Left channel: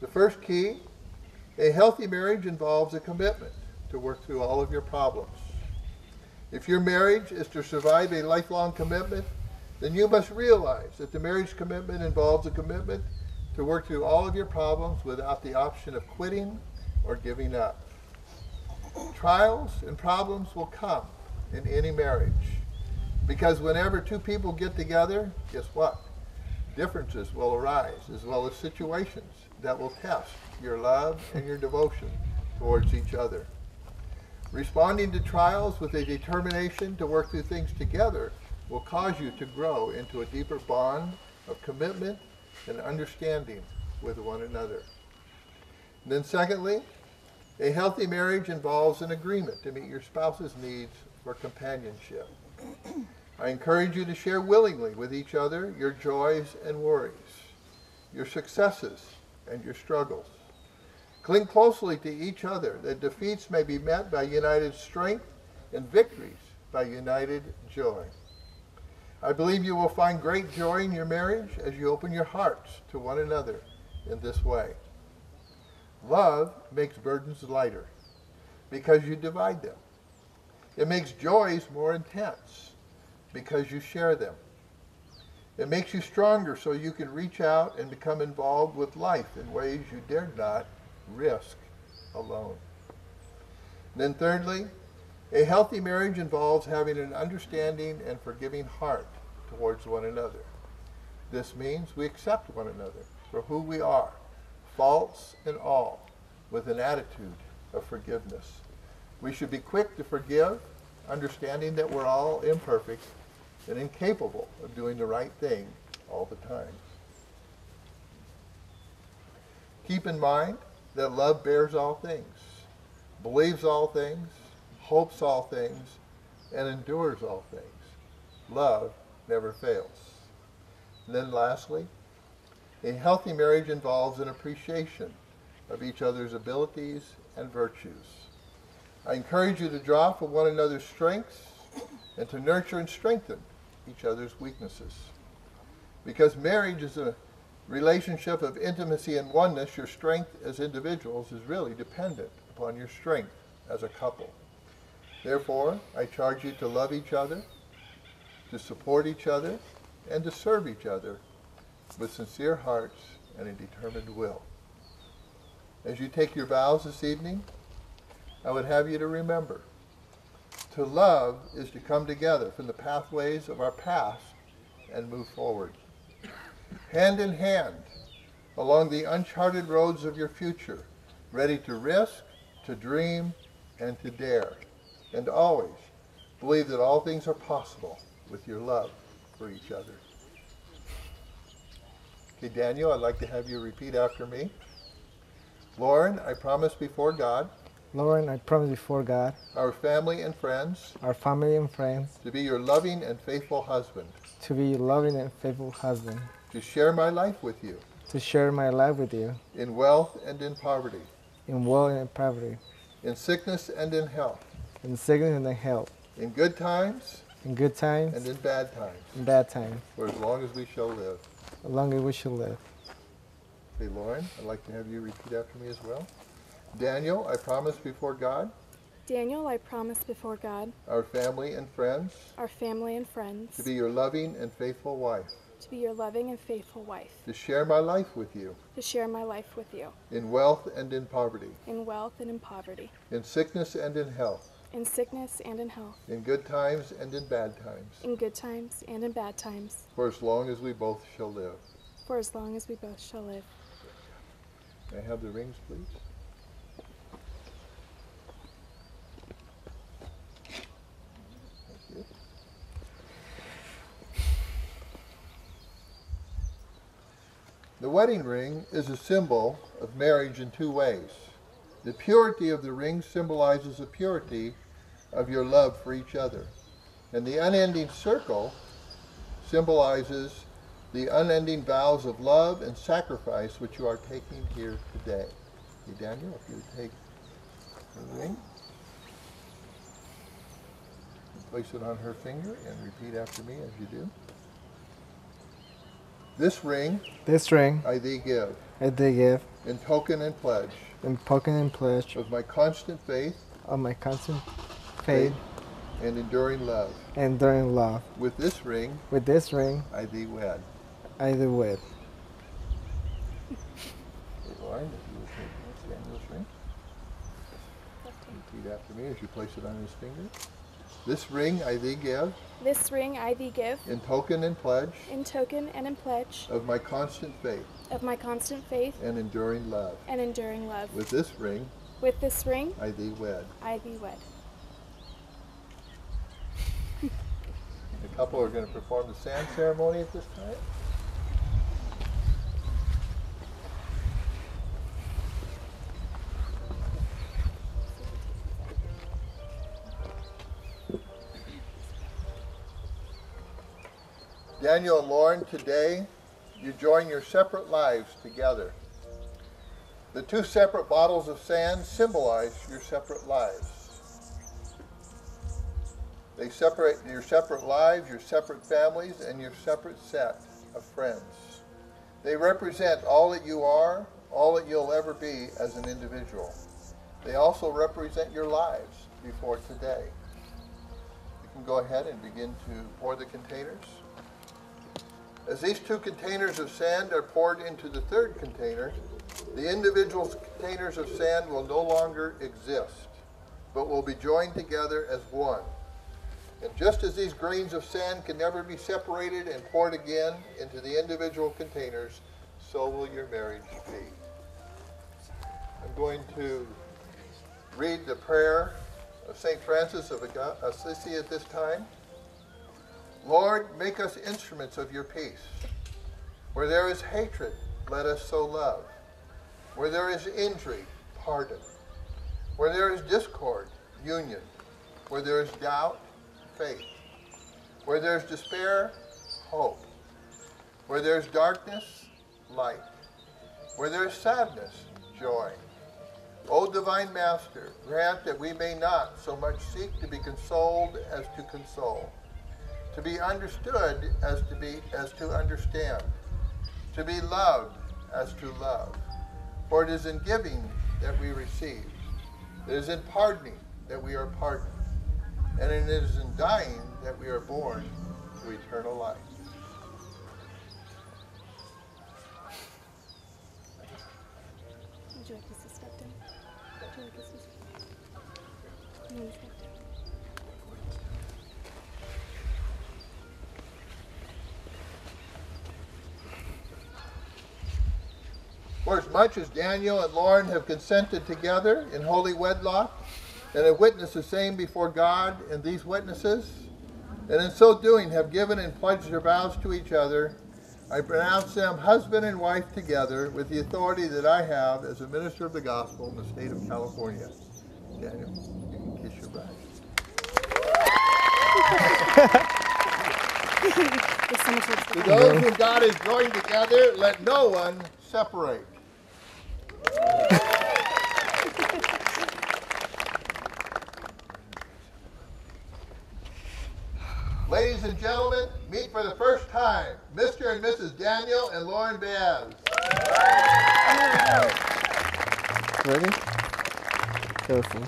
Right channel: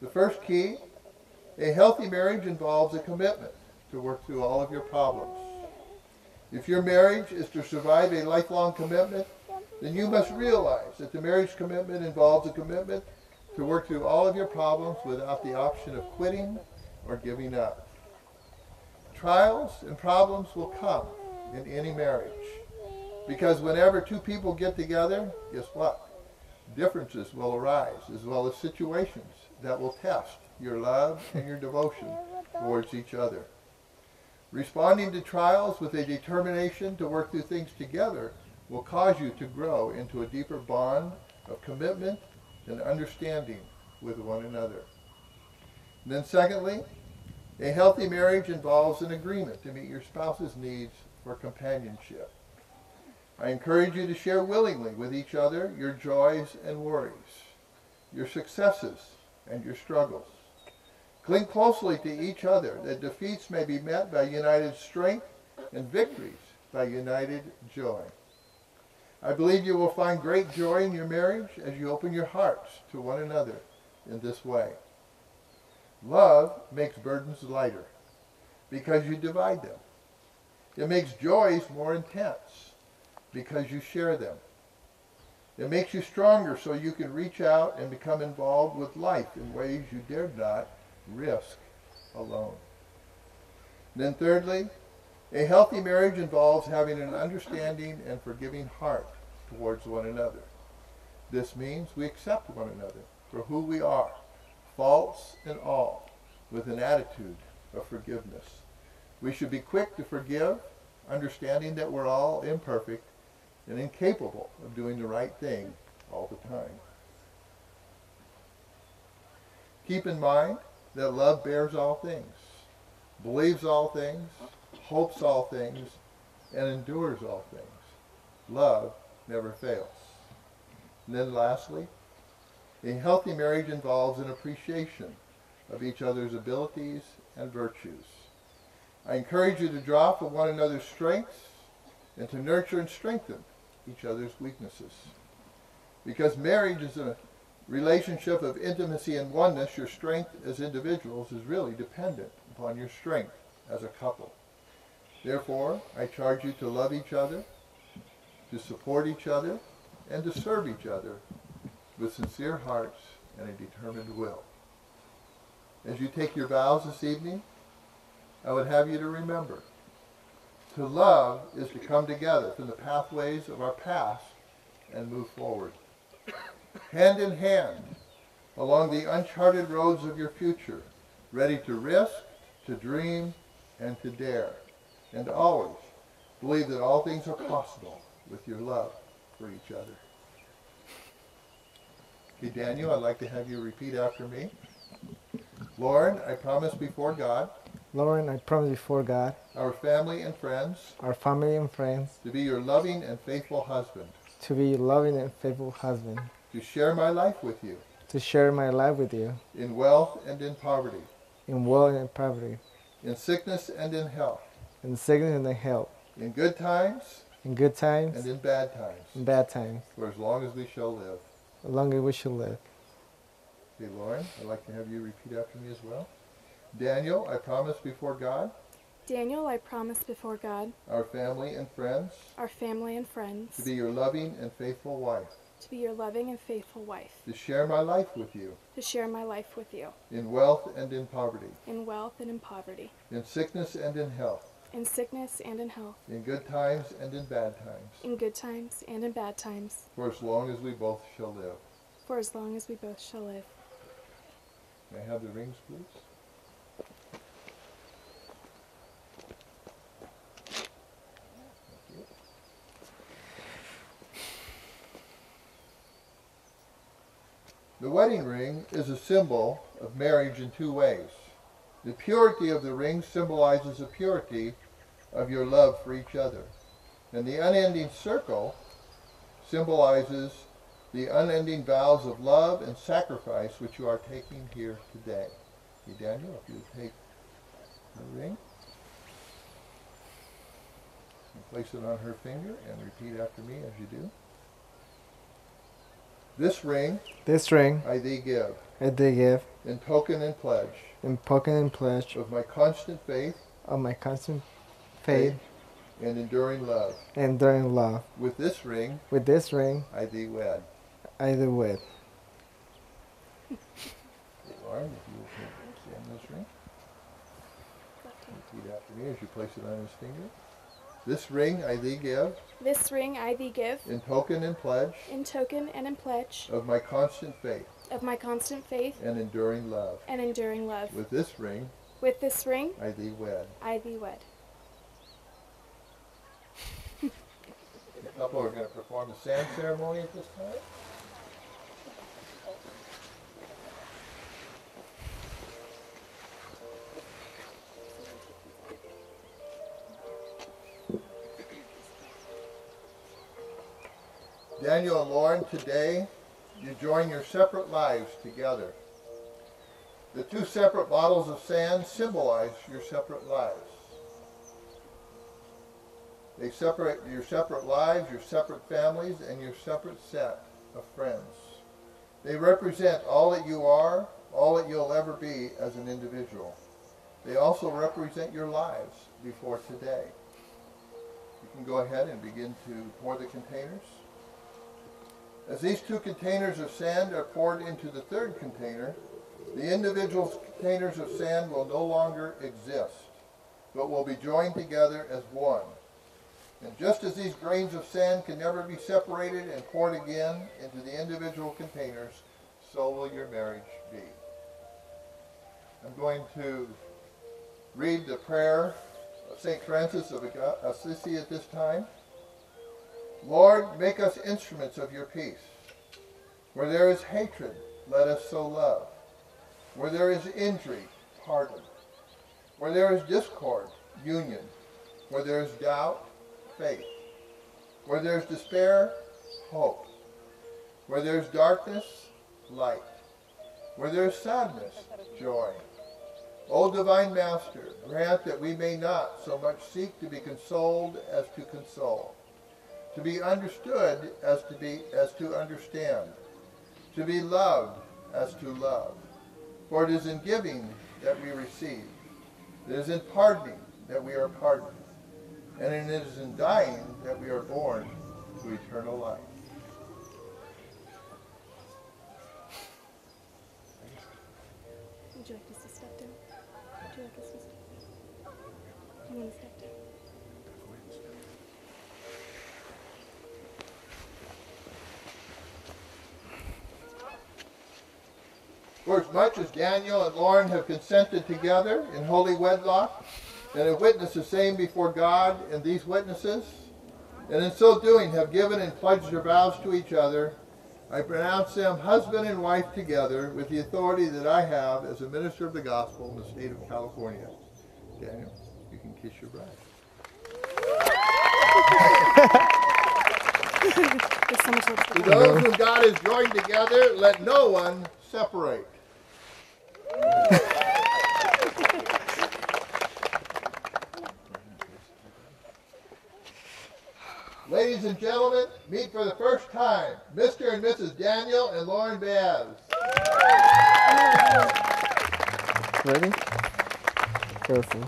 The first key, a healthy marriage involves a commitment to work through all of your problems. If your marriage is to survive a lifelong commitment, then you must realize that the marriage commitment involves a commitment to work through all of your problems without the option of quitting or giving up. Trials and problems will come in any marriage because whenever two people get together, guess what? Differences will arise as well as situations that will test your love and your devotion towards each other. Responding to trials with a determination to work through things together will cause you to grow into a deeper bond of commitment and understanding with one another. And then secondly, a healthy marriage involves an agreement to meet your spouse's needs for companionship. I encourage you to share willingly with each other your joys and worries, your successes and your struggles. Cling closely to each other that defeats may be met by united strength and victories by united joy. I believe you will find great joy in your marriage as you open your hearts to one another in this way. Love makes burdens lighter because you divide them. It makes joys more intense because you share them. It makes you stronger so you can reach out and become involved with life in ways you dared not risk alone. And then thirdly, a healthy marriage involves having an understanding and forgiving heart towards one another. This means we accept one another for who we are, faults and all, with an attitude of forgiveness. We should be quick to forgive, understanding that we're all imperfect and incapable of doing the right thing all the time. Keep in mind that love bears all things, believes all things, hopes all things, and endures all things. Love never fails. And then lastly, a healthy marriage involves an appreciation of each other's abilities and virtues. I encourage you to draw from one another's strengths and to nurture and strengthen each other's weaknesses. Because marriage is a relationship of intimacy and oneness, your strength as individuals is really dependent upon your strength as a couple. Therefore, I charge you to love each other, to support each other, and to serve each other with sincere hearts and a determined will. As you take your vows this evening, I would have you to remember, to love is to come together from the pathways of our past and move forward. Hand in hand, along the uncharted roads of your future, ready to risk, to dream, and to dare. And always believe that all things are possible with your love for each other. Okay, Daniel, I'd like to have you repeat after me. Lauren, I promise before God, Lauren, I promise before God, our family and friends, to be your loving and faithful husband, to be your loving and faithful husband, to share my life with you, to share my life with you, in wealth and in poverty, in wealth and poverty, in sickness and in health, in sickness and in health, in good times, in good times, and in bad times, for as long as we shall live. as long as we shall live. Okay, Lauren, I'd like to have you repeat after me as well. Daniel, I promise before God, Daniel, I promise before God, our family and friends, to be your loving and faithful wife, to be your loving and faithful wife, to share my life with you, to share my life with you, in wealth and in poverty, in wealth and in poverty, in sickness and in health, in sickness and in health, in good times and in bad times, in good times and in bad times, for as long as we both shall live. for as long as we both shall live. May I have the rings, please? Thank you. The wedding ring is a symbol of marriage in two ways. The purity of the ring symbolizes the purity of your love for each other. And the unending circle symbolizes the unending vows of love and sacrifice which you are taking here today. Okay, Daniel, if you would take the ring and place it on her finger and repeat after me as you do. This ring This ring I thee give, I thee give, in token and pledge in token and pledge of my constant faith of my constant faith and enduring love. and enduring love. With this ring With this ring I thee wed. I thee wed. Lauren, if you will take Daniel's ring. Repeat after me as you place it on his finger. This ring I thee give, This ring I thee give, in token and pledge in token and in pledge of my constant faith of my constant faith and enduring love. and enduring love. With this ring With this ring I thee wed. I thee wed. The couple are going to perform the sand ceremony at this time. Daniel and Lauren, today you join your separate lives together. The two separate bottles of sand symbolize your separate lives. They separate your separate lives, your separate families, and your separate set of friends. They represent all that you are, all that you'll ever be as an individual. They also represent your lives before today. You can go ahead and begin to pour the containers. As these two containers of sand are poured into the third container, the individual containers of sand will no longer exist, but will be joined together as one. And just as these grains of sand can never be separated and poured again into the individual containers, so will your marriage be. I'm going to read the prayer of St. Francis of Assisi at this time. Lord, make us instruments of your peace. Where there is hatred, let us sow love. Where there is injury, pardon. Where there is discord, union. Where there is doubt, faith. Where there is despair, hope. Where there is darkness, light. Where there is sadness, joy. O divine Master, grant that we may not so much seek to be consoled as to console, to be understood as to understand, to be loved as to love. For it is in giving that we receive. It is in pardoning that we are pardoned. And it is in dying that we are born to eternal life. Would you like us to step down? Would you like us to step down? You want to step down? For as much as Daniel and Lauren have consented together in holy wedlock, and have witnessed the same before God and these witnesses, and in so doing have given and pledged their vows to each other, I pronounce them husband and wife together with the authority that I have as a minister of the gospel in the state of California. Daniel, you can kiss your bride. There's so much lipstick To on those whom God has joined together, let no one separate. Ladies and gentlemen, meet for the first time Mr. and Mrs. Daniel and Lauren Baez. Ready? Careful.